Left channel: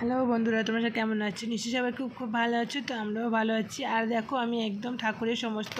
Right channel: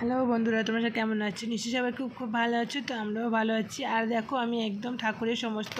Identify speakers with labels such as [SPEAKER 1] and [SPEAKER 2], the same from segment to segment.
[SPEAKER 1] Hello বন্ধুরা, তোমরা সব কেমন আছো? নিশ্চয়ই সবাই খুব খুব ভালো আছো, তো আমরাও ভালো আছি। আর দেখো, আমি একদম ঠাকুরের সমস্ত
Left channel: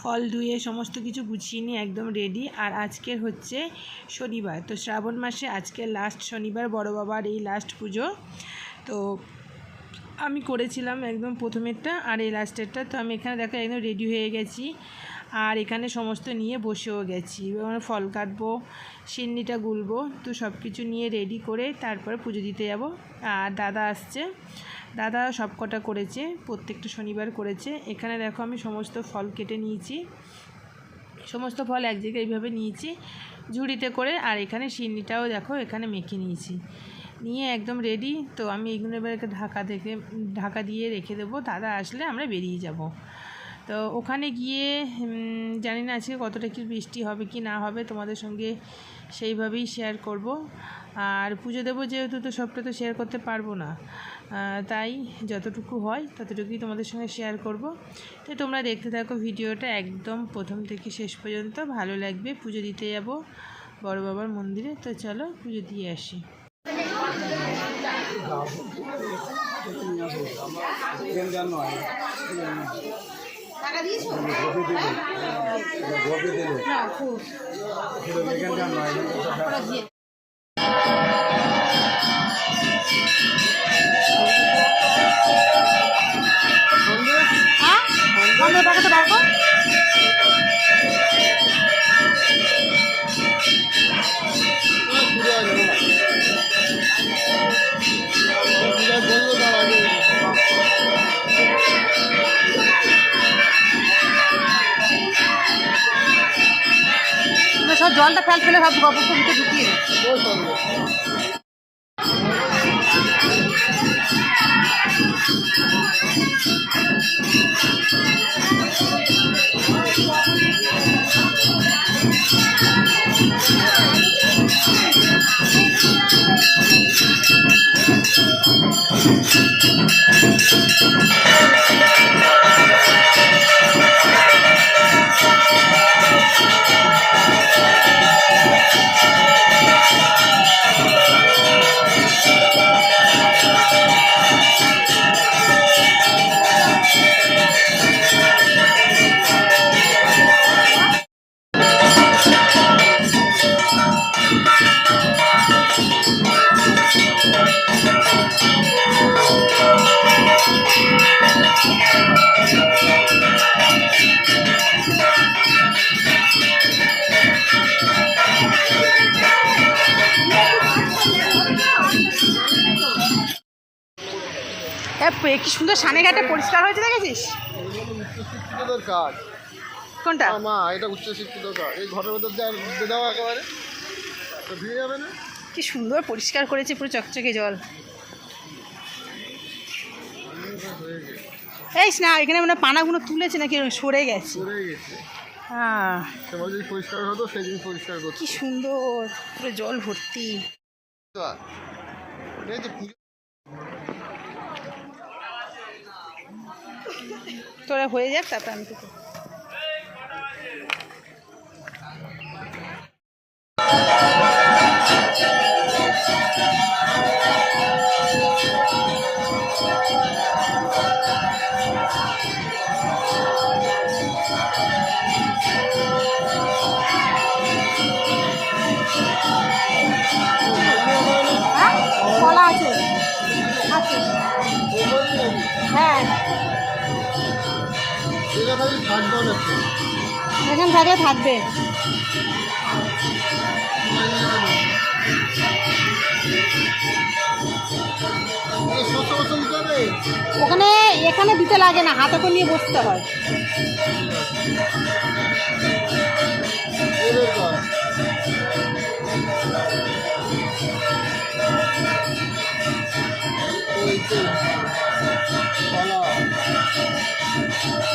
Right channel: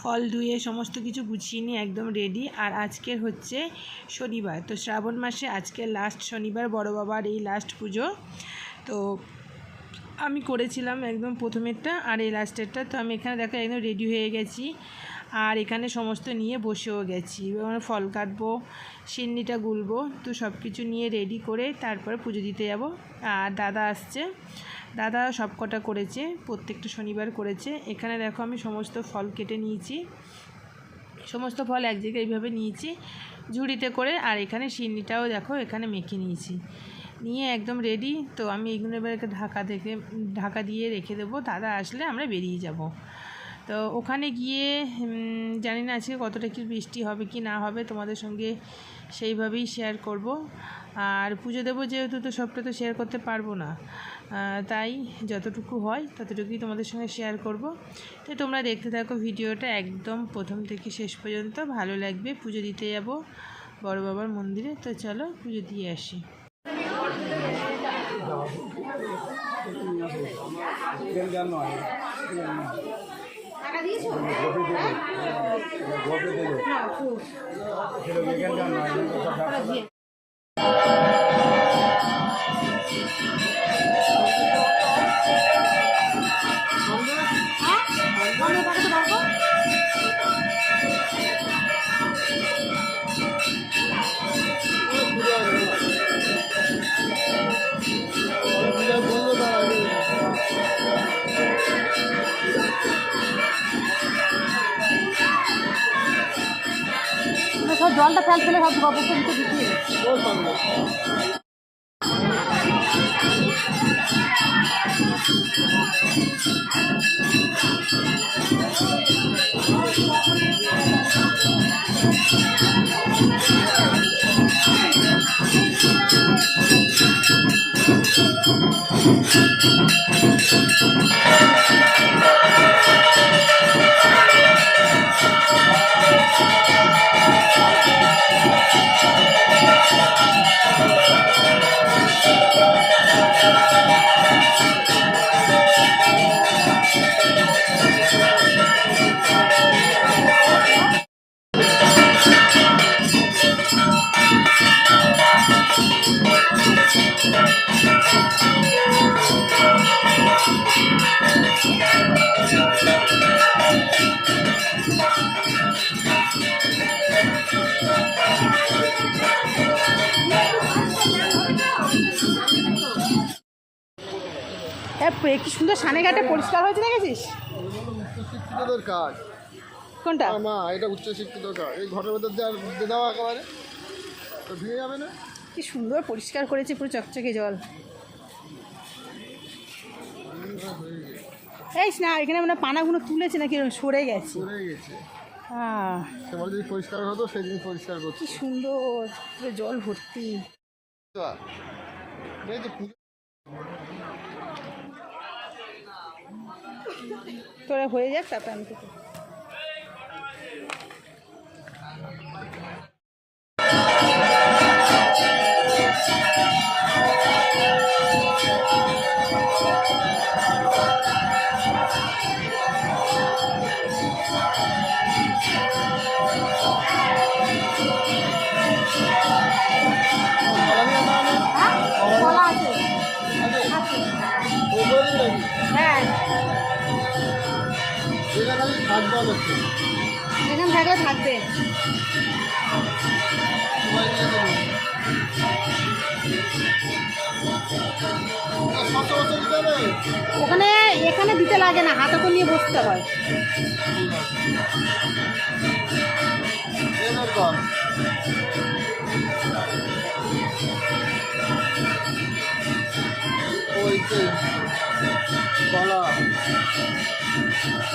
[SPEAKER 1] ফল ধুয়ে সমস্ত কিছু গুছিয়ে নিয়ে একদম রেডি আর আজকের হচ্ছে শনিবার, তো শ্রাবণ মাসে আজকে লাস্ট শনিবার, বড় বাবার এই লাস্ট পুজো। তো আমি করেছিলাম একদম প্রথমেরটা আর এই লাস্টেরটা তো আমি এখানে দেখো একদম রেডি হয়ে গেছি। আর এখানে সমস্ত নিয়ে বসেও গেছি। এবার ফল কাটবো, সিন্নিটা গুলবো, তো সব কিছু নিয়ে রেডি করে তারপরে পুজো দিতে যাব। আর দাদা আসছে। দাদা সব কটা করেছে, প্রত্যেকটা শনিবার করেছে। এখানে দেখো আমি সমস্ত ফল কেটে নিয়েছি। সমস্ত ফল এক জায়গায় এইভাবে নিয়েছি, ঝুড়িতে করে। আর এখানে সিন্নিটাও দেখো এখানে মেখে নিয়েছি। নিয়ে একদম রেডি তো আমি এগুলো এবার ঢাকা থেকে, ঢাকা দিয়ে রেখে দেবো। দাদা আসলে আমরা বেরিয়ে যাব। তো ওখানে গিয়ে জানি না আজকে কতটা কি বৃষ্টি হবে কি না হবে তোমাদের সঙ্গে সেইভাবেই শেয়ার করব। আর পুজো দেবো যেহেতু তো সবটা তো শেয়ার করতে পারব না। তাই যতটুকু হয় ততটুকুই তোমাদের সঙ্গে শেয়ার করব। তো তোমরা দেখতে থাকো ভিডিওটা একদম প্রথম থেকে শেষ পর্যন্ত। ভালো লাগবে, পুজো দিতে যাব বড় বাবার মন্দিরে। তো চলো পুজো দিয়ে আসি।
[SPEAKER 2] সব জলটা ফেল ফেলে সব গপ ভিতরে ঢুকিয়ে দে। কি সুন্দর সানে ঘাটে পরিষ্কার হয়েছে দেখেছিস?
[SPEAKER 3] কাজ।
[SPEAKER 2] কোনটা?
[SPEAKER 3] মা এটা উচ্চশিক্ষিত কাজ। এই ঘরের ভেতর আর একেবারে। ভিড়ে যাবে না?
[SPEAKER 2] কি সুন্দর পরিষ্কার করেছে পুরো চকচকে জল। এই না এখানে মানে পানাগুলো তুলেছে নাকি সরে গেছে। হ্যাঁ
[SPEAKER 3] সেবার পরিষ্কার হতো সেদিন পরিষ্কার
[SPEAKER 2] কি সুন্দর পুরো জল ভর্তি।
[SPEAKER 3] এই তো
[SPEAKER 2] তোরা হয়ে যাক তারপর আমি এখান থাকলে থাকবে। ওখানে এখানে দিতে লাগে না হাতে করে নিয়ে বসতে হয়।
[SPEAKER 3] এই বের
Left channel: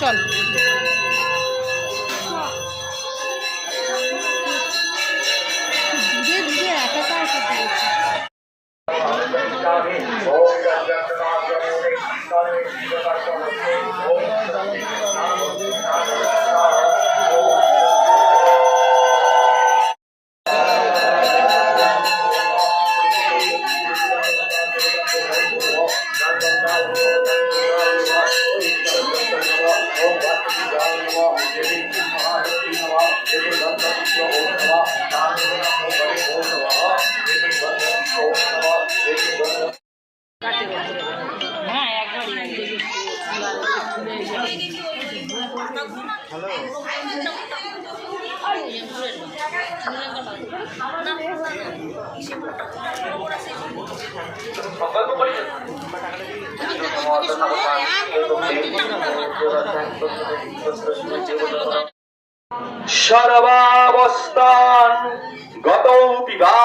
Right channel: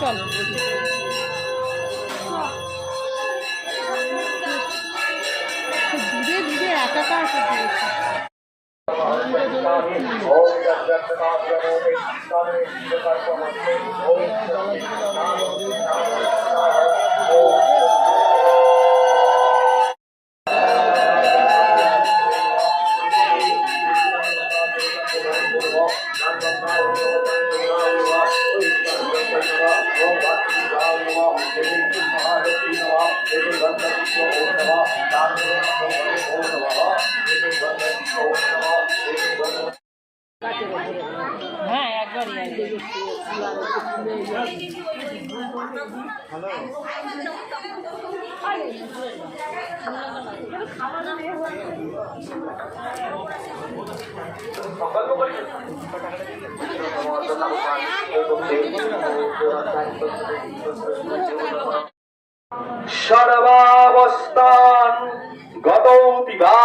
[SPEAKER 2] চল দূরে দূরে একাকার করতে হচ্ছে
[SPEAKER 4] সর্বাবস্থান গতৌতি বা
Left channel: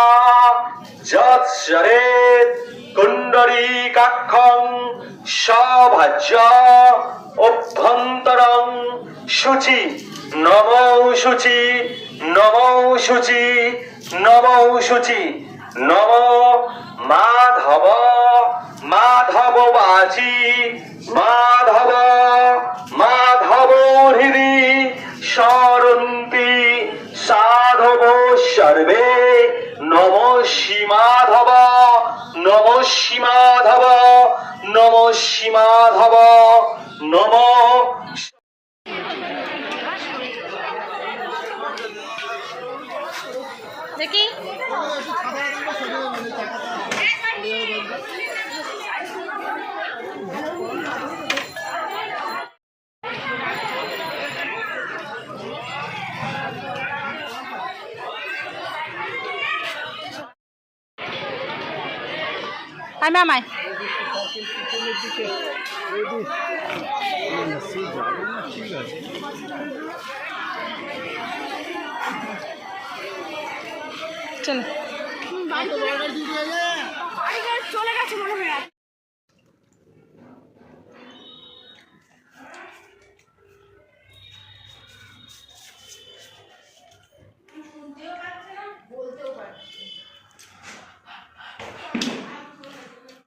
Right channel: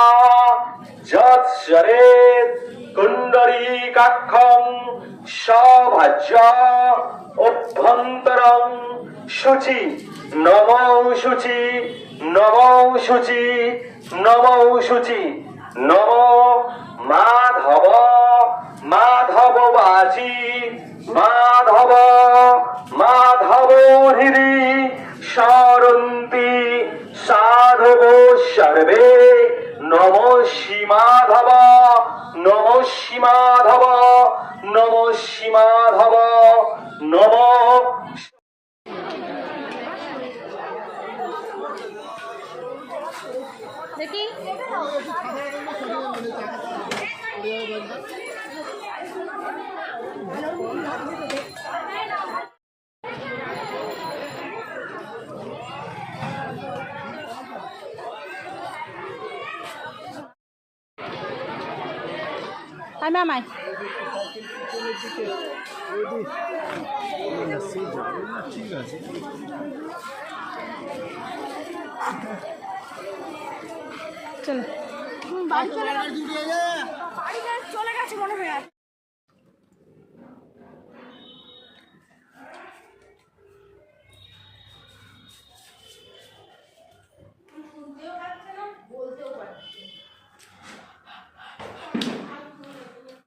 [SPEAKER 4] যৎসরেত কুণ্ডরীকাক্ষং সভাজ্য অভ্যন্তরং শুচি নমৌ শুচি নমৌ শুচি নমৌ শুচি নম মাধব মাধব বাচি, মাধব মাধব হৃদি সরন্তি সাধব সর্বে। নম সীমাধব নম সীমাধব নম সীমাধব নম
[SPEAKER 2] দেখি। আয় ম্যাম আয় চলো